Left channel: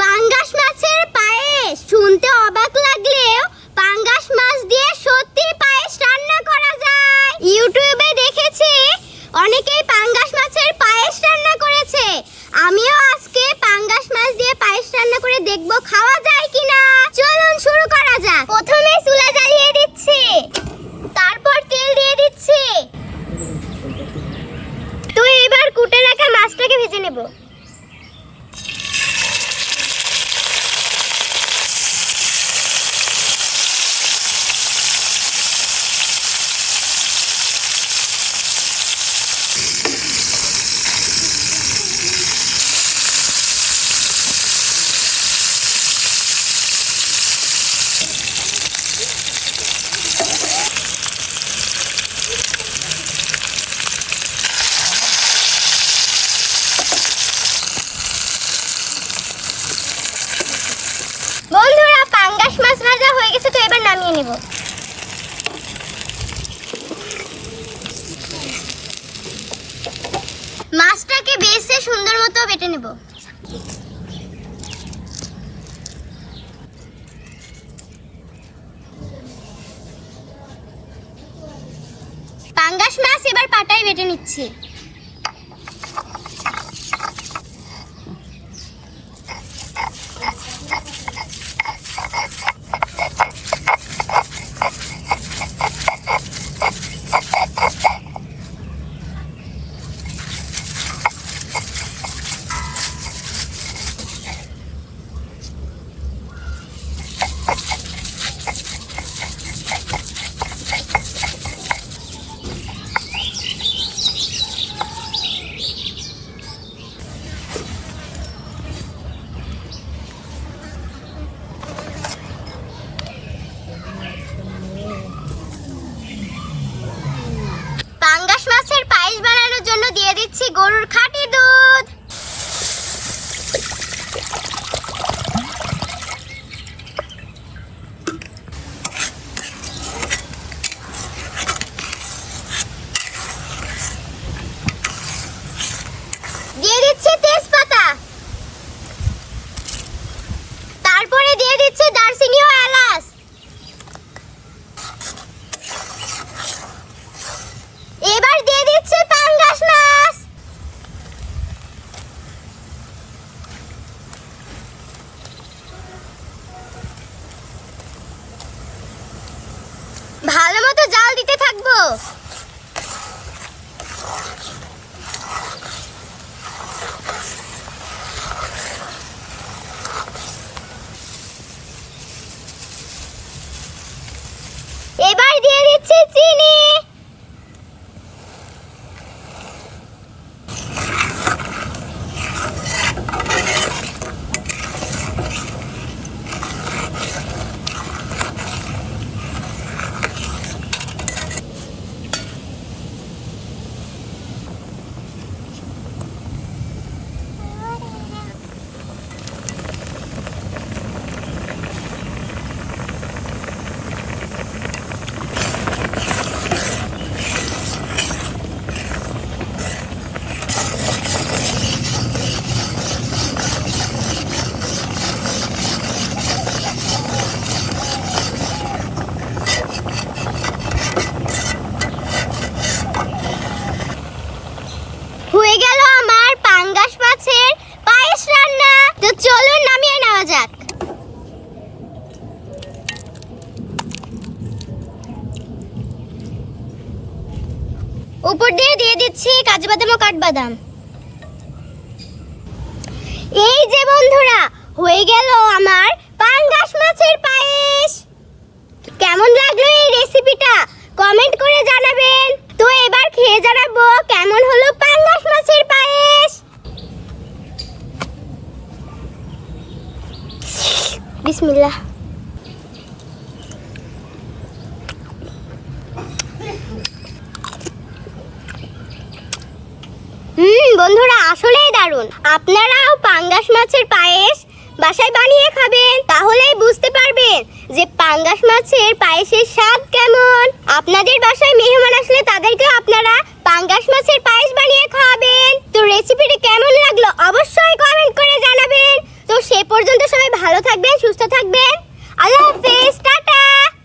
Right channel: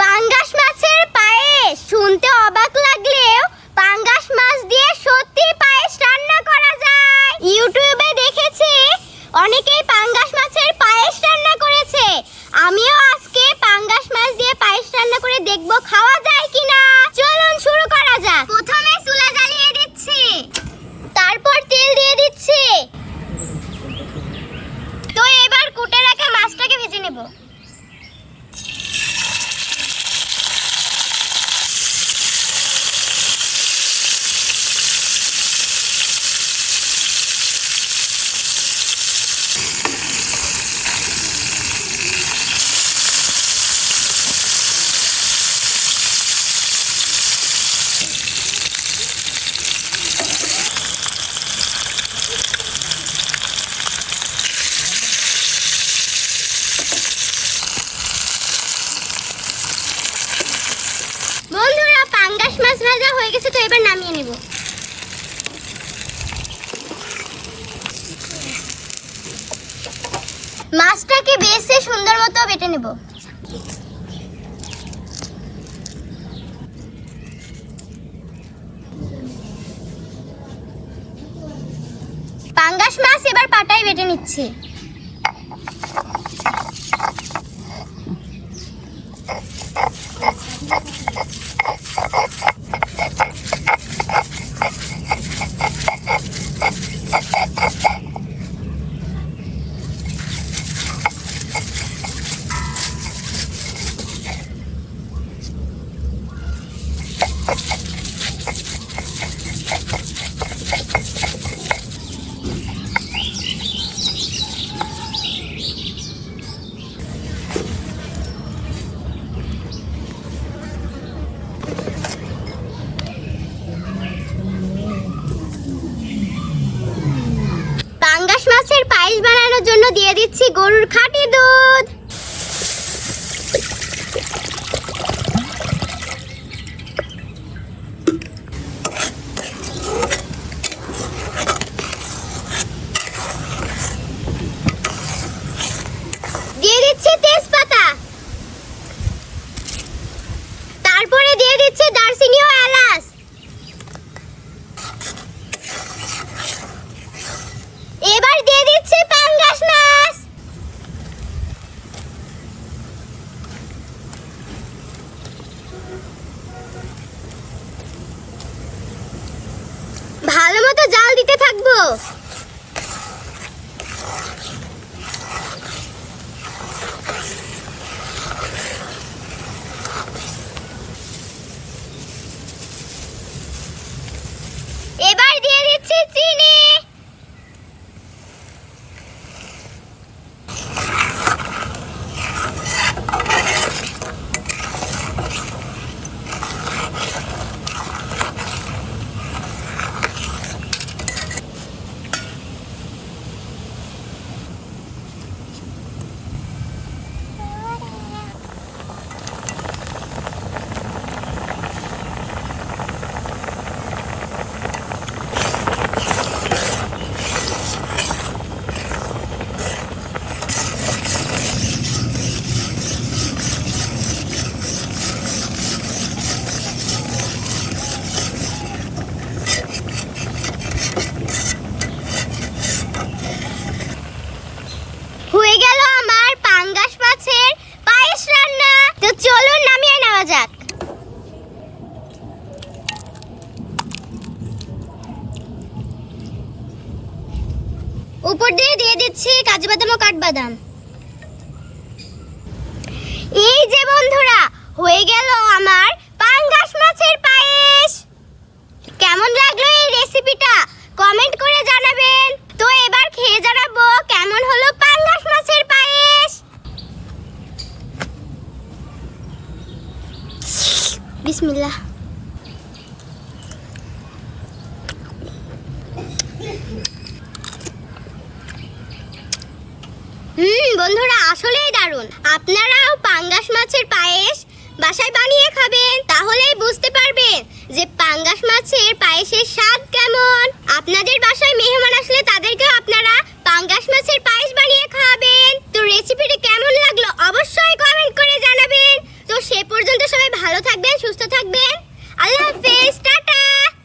পাঙ্গাস মাছের পায়েস শুনতে অবাক লাগলেও পাঙ্গাস মাছ দিয়ে সত্যি পায়েস রান্না করা যায়। ইউটিউবে দেখেছি অনেকেই পাঙ্গাস মাছের পায়েস রান্না করেছে। আমিও আজকে পাঙ্গাস মাছ দিয়ে পায়েস রান্না করে দেখব খাওয়া যায় কিনা। চলুন শুরু করা যাক। প্রথমে চুলা জ্বালিয়ে দিচ্ছি, তারপর তেল দিয়ে দিচ্ছি। তো এবার কুটে রাখা মাছটাকে ভেজে নেব। বন্ধুরা, পাঙ্গাস মাছ ভাজা হয়ে গেছে, তো এবার নামিয়ে নেব। মাছটাকে বেশি সুন্দর মতো বেটে নেব। পাঙ্গাস মাছ এবার পাটায় বেটে নিচ্ছি। পাঙ্গাস মাছের পায়েস বানানোর জন্য দিয়ে দিচ্ছি গরুর খাঁটি দুধ। দিয়ে দিচ্ছি তেজপাতা, তারপরে দিয়ে দিচ্ছি দারচিনি ও এলাচ। এবার দিয়ে দিচ্ছি পাঙ্গাস মাছ। ভালো মতো জাল দিতে থাকবো। এবার দিয়ে দিচ্ছি চিনি। হয়ে গেল আমার পাঙ্গাস মাছের পায়েস রান্না। তো চলুন নামিয়ে নেওয়া যাক। উপর দিয়ে দিয়ে দিচ্ছি কাজু বাদাম ও কাঠবাদাম। এই যে বন্ধুরা, হয়ে গেল আমার পাঙ্গাস মাছের পায়েস। কেমন লাগলো এই রেসিপিটা কমেন্ট করে জানাবেন। তো এবার খেয়ে জানাবো কেমন হলো পাঙ্গাস মাছের পায়েস। বিসমিল্লাহ। বন্ধুরা, আসলেই দারুণ। আপনারাও পাঙ্গাস মাছের পায়েস বাসায় বানিয়ে খাবেন, তাহলেই বুঝতে পারবেন যে পাঙ্গাস মাছের পায়েসের স্বাদ কেমন। আপনাদের বাসায় মেহমান আসলে তাদেরকে আপনারা পাঙ্গাস মাছের পায়েস বানিয়ে খাওয়াবেন। তো রেসিপিটি কেমন লাগলো অবশ্যই কমেন্ট করে জানাবেন। তো সে পর্যন্ত সবাই ভালো থাকবেন, সুস্থ থাকবেন। আল্লাহ হাফেজ।